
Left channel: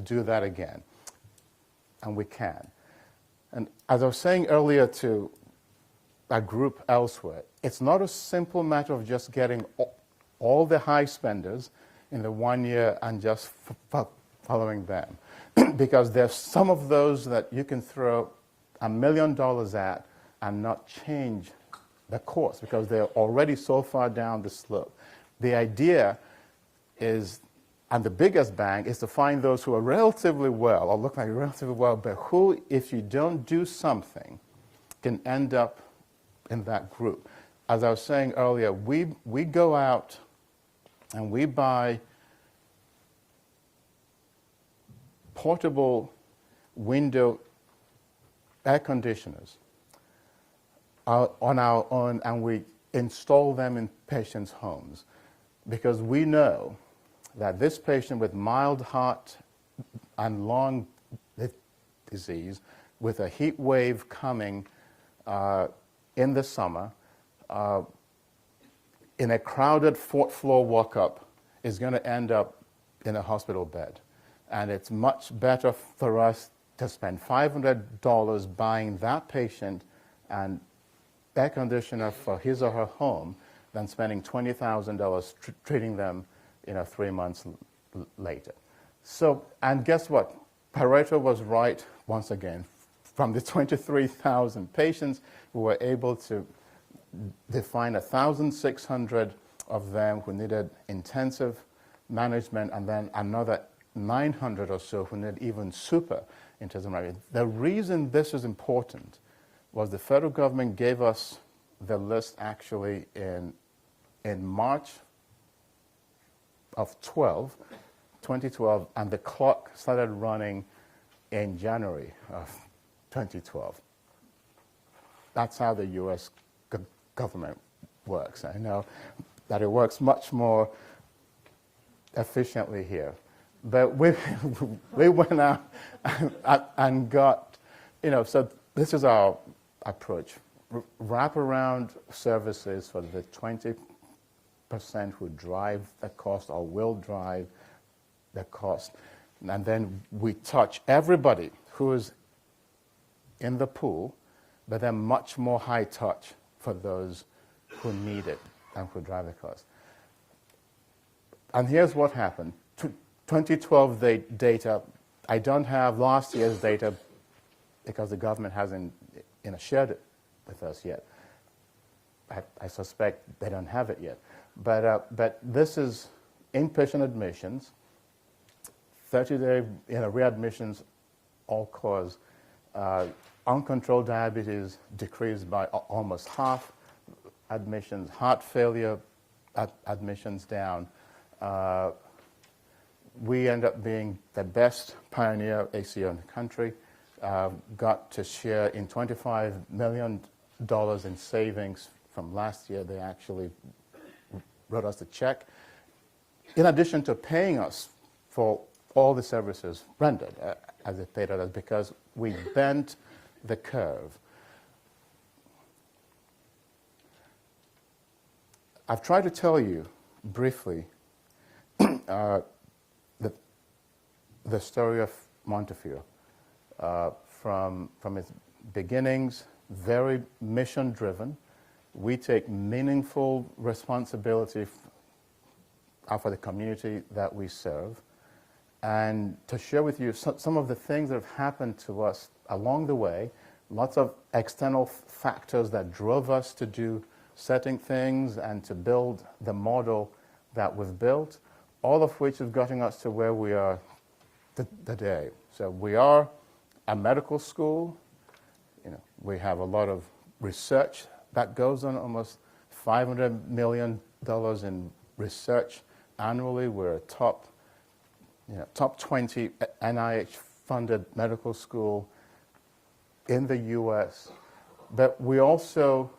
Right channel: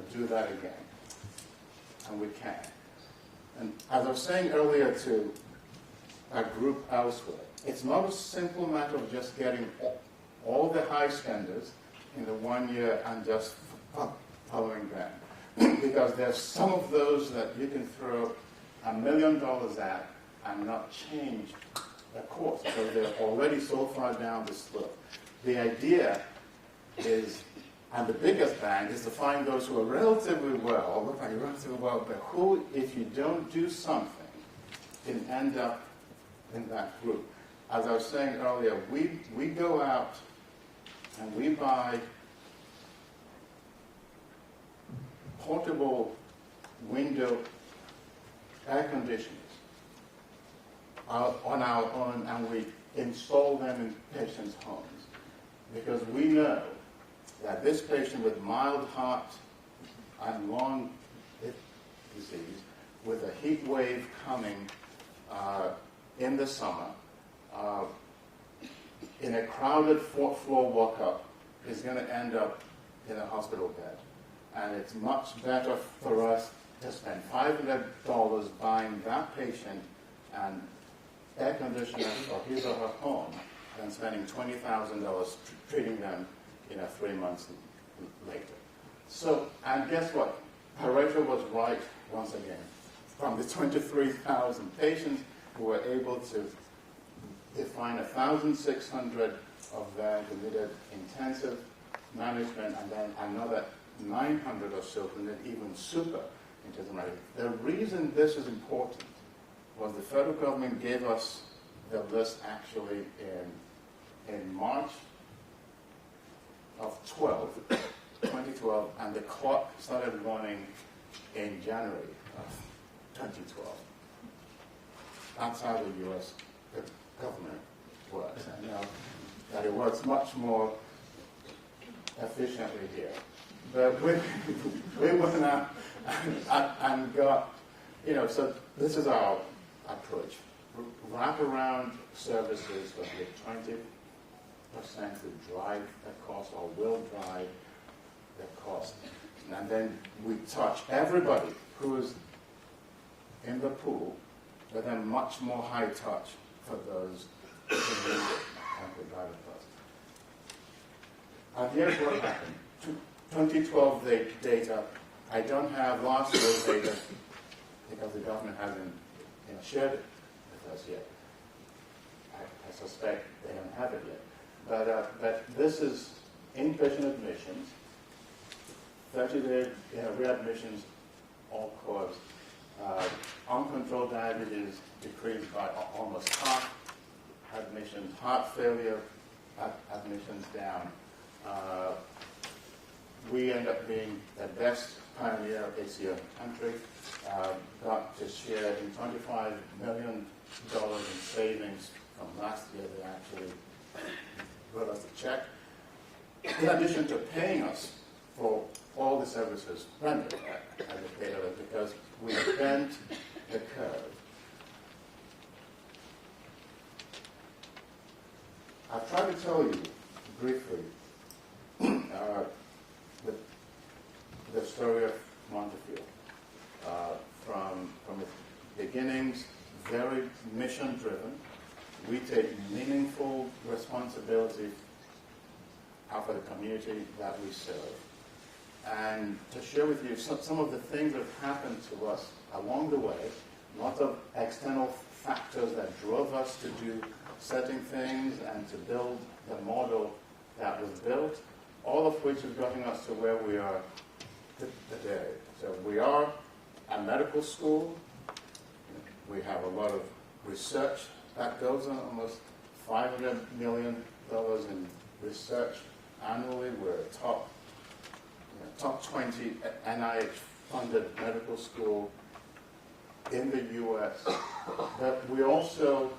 do that again. And we can. And as I was saying earlier to a group elsewhere, it's not a simple matter of just getting all the high spenders in the 1 year and just following them. Because there's some of those that you can throw $1 million at and not change the course because they're already so far down the slope. The idea is, and the biggest bang, is to find those who are relatively well, or look like relatively well, but who, if you don't do something, can end up in that group. As I was saying earlier, we go out and we buy portable window air conditioners on our own, and we install them in patients' homes because we know that this patient with mild heart and lung disease, with a heat wave coming in the summer, in a crowded fourth floor walk-up, is going to end up in a hospital bed. And it's much better for us to spend $500 buying that patient an air conditioner for his or her home than spending $20,000 treating them 3 months later. So, and guess what? Pareto was right once again. From the 23,000 patients, we were able to define 1,600 of them who needed intensive management, and then another 900 or so who needed even super intensive management. The reason this is important was the federal government gave us the list actually in March of 2012, and the clock started running in January of 2012. That's how the U.S. government works. I know that it works much more efficiently here. But we went out and got, so this is our approach. Wraparound services for the 20% who drive the cost or will drive the cost. And then we touch everybody who is in the pool, but then much more high touch for those who need it and could drive the cost. And here's what happened. 2012 data, I don't have last year's data because the government hasn't shared it with us yet. I suspect they don't have it yet. But this is inpatient admissions, 30-day readmissions, all cause. Uncontrolled diabetes decreased by almost half. Admissions, heart failure admissions down. We end up being the best pioneer ACO in the country. Got to share in $25 million in savings from last year. They actually wrote us a check, in addition to paying us for all the services rendered, as they paid us, because we bent the curve. I've tried to tell you briefly the story of Montefiore. From its beginnings, very mission-driven. We take meaningful responsibility for the community that we serve. And to share with you some of the things that have happened to us along the way, lots of external factors that drove us to do certain things and to build the model that was built, all of which is getting us to where we are today. So we are a medical school, We have a lot of research that goes on, almost $500 million in research annually. We're a top 20 NIH-funded medical school in the U.S. But we also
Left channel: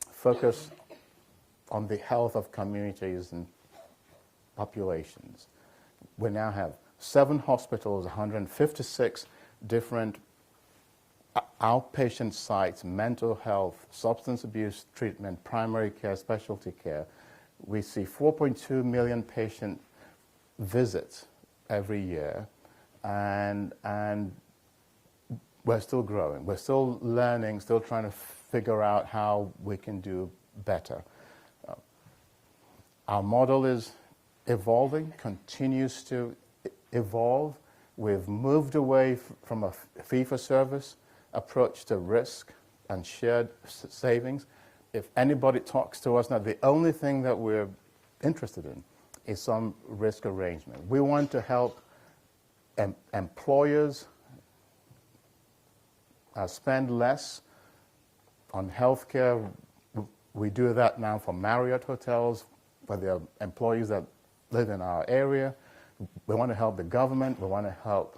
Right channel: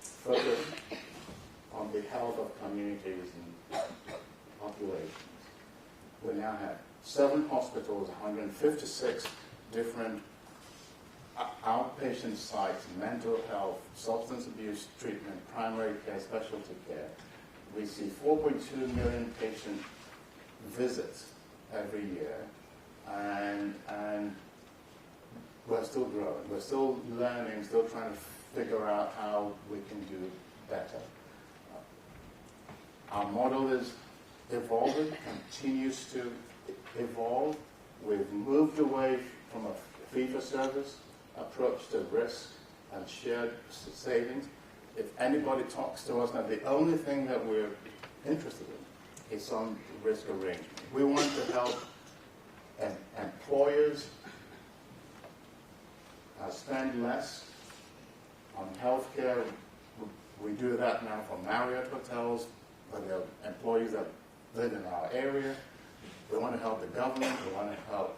focus on the health of communities and populations. We now have 7 hospitals, 156 different outpatient sites, mental health, substance abuse treatment, primary care, specialty care. We see 4.2 million patient visits every year, and we're still growing. We're still learning, still trying to figure out how we can do better. Our model is evolving, continues to evolve. We've moved away from a fee-for-service approach to risk and shared savings. If anybody talks to us now, the only thing that we're interested in is some risk arrangement. We want to help employers spend less on healthcare. We do that now for Marriott hotels, for the employees that live in our area. We want to help the government. We want to help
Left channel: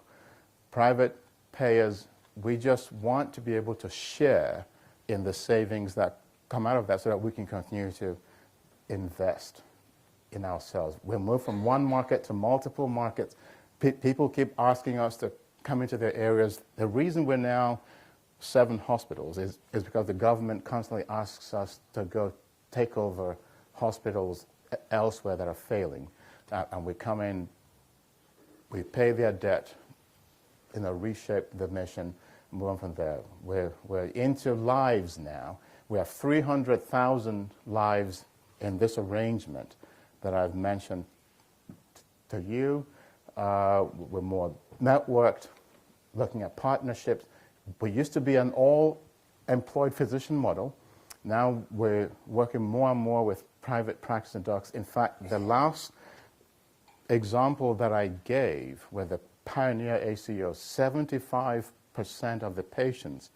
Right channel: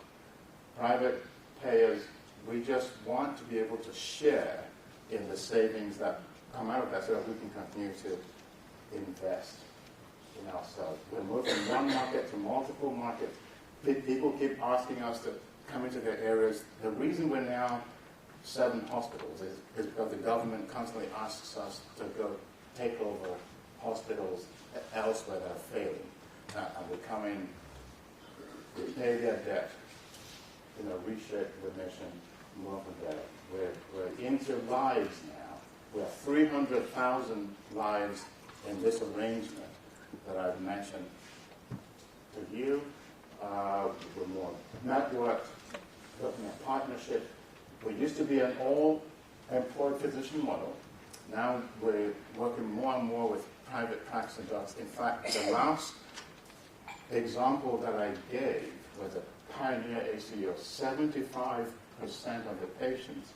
private payers. We just want to be able to share in the savings that come out of that so that we can continue to invest in ourselves. We'll move from one market to multiple markets. People keep asking us to come into their areas. The reason we're now 7 hospitals is because the government constantly asks us to go take over hospitals elsewhere that are failing. And we come in, we pay their debt, reshape the mission, move on from there. We're into lives now. We have 300,000 lives in this arrangement that I've mentioned to you. We're more networked, looking at partnership. We used to be an all-employed physician model. Now we're working more and more with private practicing docs. In fact, the last example that I gave with the Pioneer ACO, 75% of the patients,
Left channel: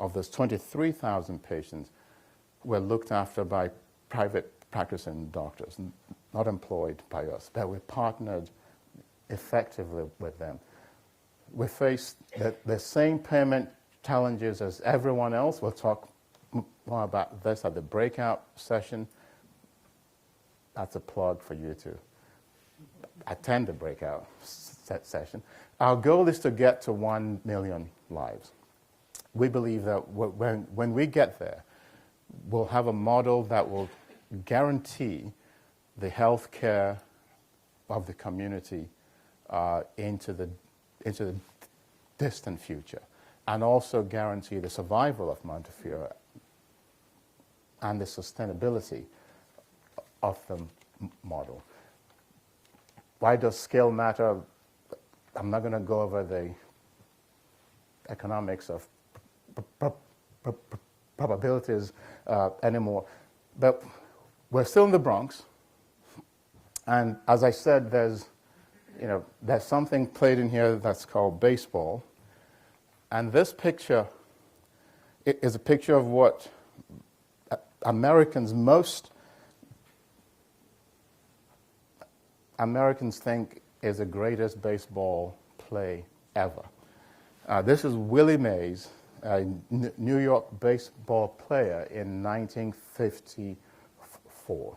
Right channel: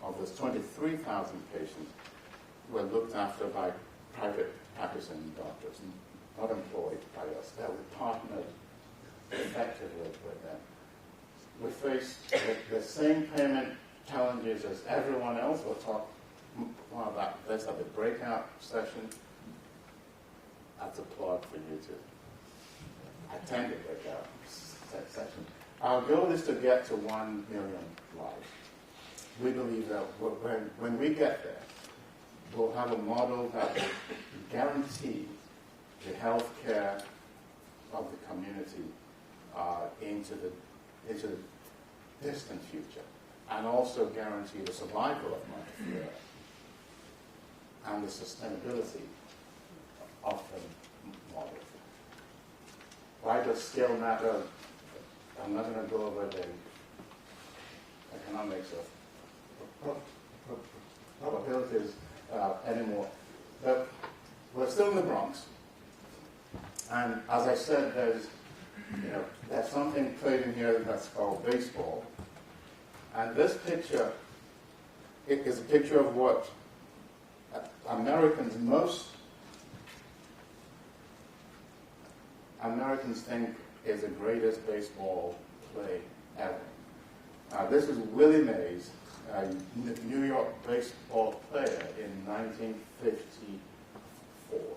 of those 23,000 patients, were looked after by private practicing doctors, not employed by us, that we partnered effectively with them. We face the same payment challenges as everyone else. We'll talk more about this at the breakout session. That's a plug for you to attend the breakout session. Our goal is to get to 1 million lives. We believe that when we get there, we'll have a model that will guarantee the health care of the community into the distant future, and also guarantee the survival of Montefiore and the sustainability of the model. Why does scale matter? I'm not going to go over the economics of probabilities anymore, but we're still in the Bronx, and as I said, there's something played in here that's called baseball, and this picture is a picture of what most Americans think is the greatest baseball play ever. This is Willie Mays, a New York baseball player in 1954.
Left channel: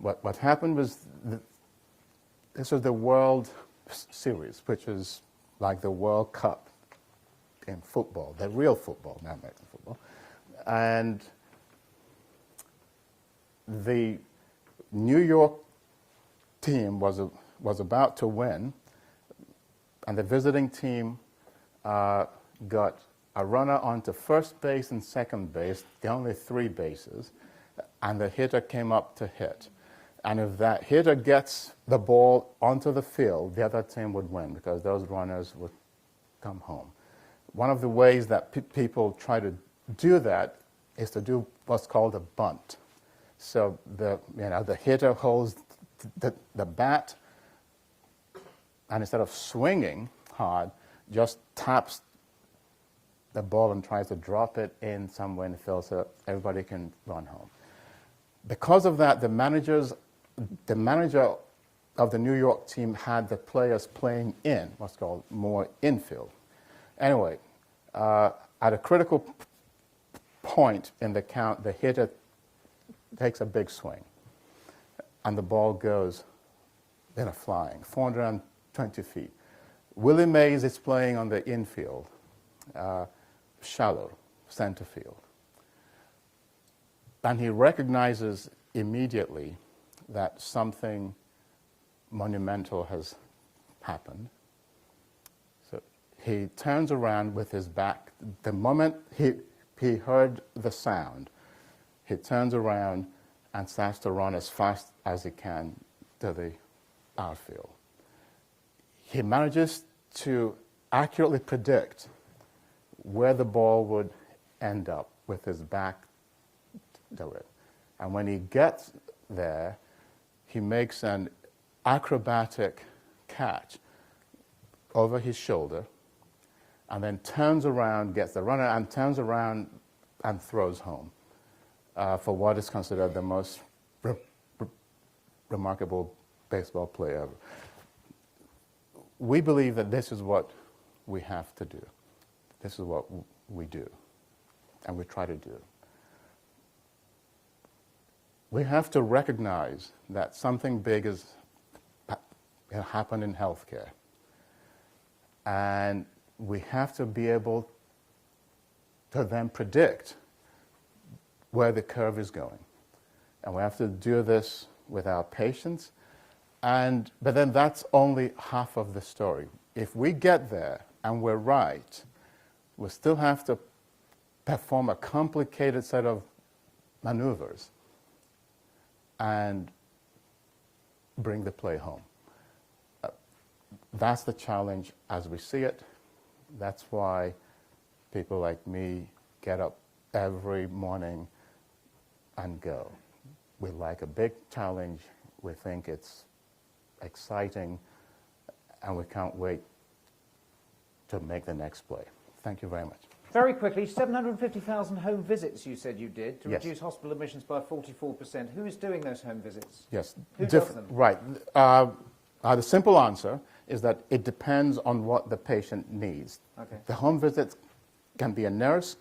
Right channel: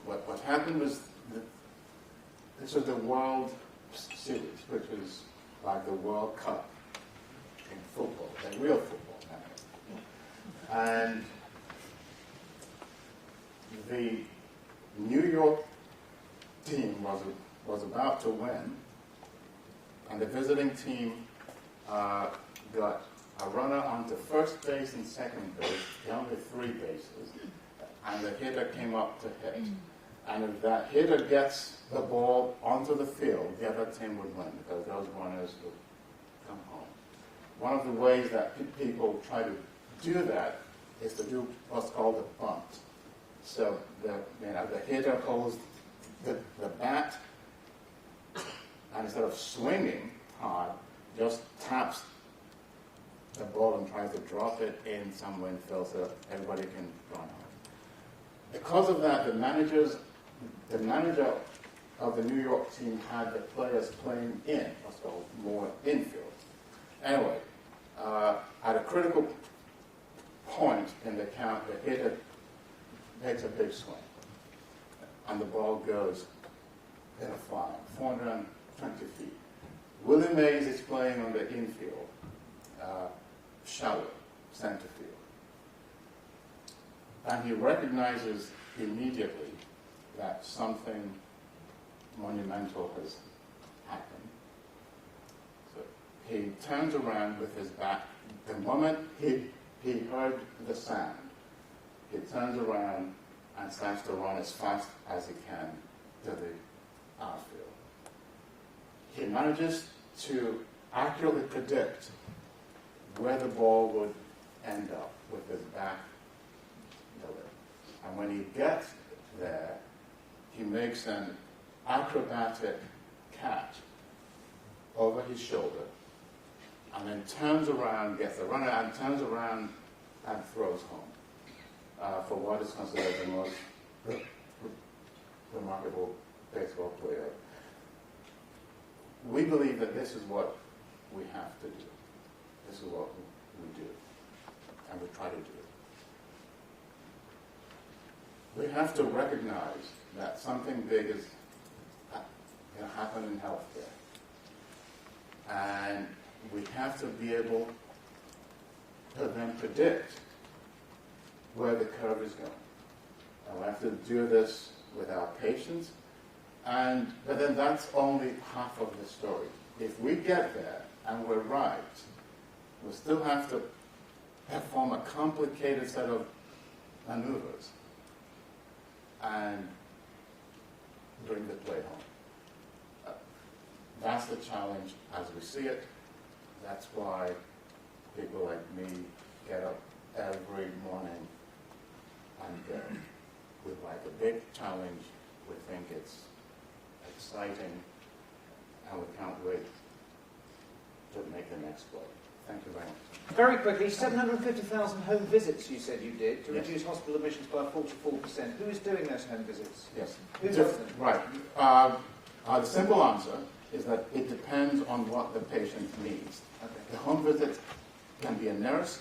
What happened was this is the World Series, which is like the World Cup in football, the real football, not like football. And the New York team was about to win, and the visiting team got a runner onto first base and second base, the only 3 bases, and the hitter came up to hit. And if that hitter gets the ball onto the field, the other team would win because those runners would come home. One of the ways that people try to do that is to do what's called a bunt. So the hitter holds the bat, and instead of swinging hard, just taps the ball and tries to drop it in somewhere in the field so everybody can run home. Because of that, the manager of the New York team had the players playing in what's called more infield. Anyway, at a critical point in the count, the hitter takes a big swing, and the ball goes flying 420 feet. Willie Mays is playing on the infield, shallow center field, and he recognizes immediately that something monumental has happened. So he turns around with his back. The moment he heard the sound, he turns around and starts to run as fast as he can to the outfield. He manages to accurately predict where the ball would end up with his back to it. And when he gets there, he makes an acrobatic catch over his shoulder and then turns around, gets the runner, and turns around and throws home for what is considered the most remarkable baseball player ever. We believe that this is what we have to do. This is what we do, and we try to do. We have to recognize that something big has happened in healthcare, and we have to be able to then predict where the curve is going. And we have to do this with our patients, but then that's only half of the story. If we get there and we're right, we still have to perform a complicated set of maneuvers and bring the play home. That's the challenge as we see it. That's why people like me get up every morning and go. We like a big challenge. We think it's exciting, and we can't wait to make the next play. Thank you very much. Very quickly, 750,000 home visits you said you did to Yes. reduce hospital admissions by 44%. Who is doing those home visits? Yes. Who does them? Right. The simple answer is that it depends on what the patient needs. Okay. The home visit can be a nurse,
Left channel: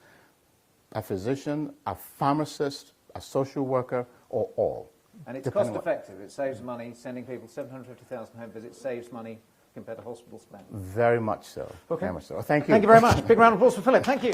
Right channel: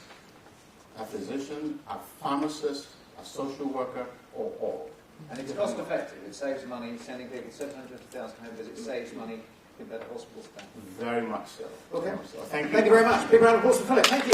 a physician, a pharmacist, a social worker, or all. And it's cost effective. It saves money. Sending people 750,000 home visits saves money compared to hospital spend. Very much so. Okay. Very much so. Thank you. Thank you very much. Big round of applause for Philip. Thank you.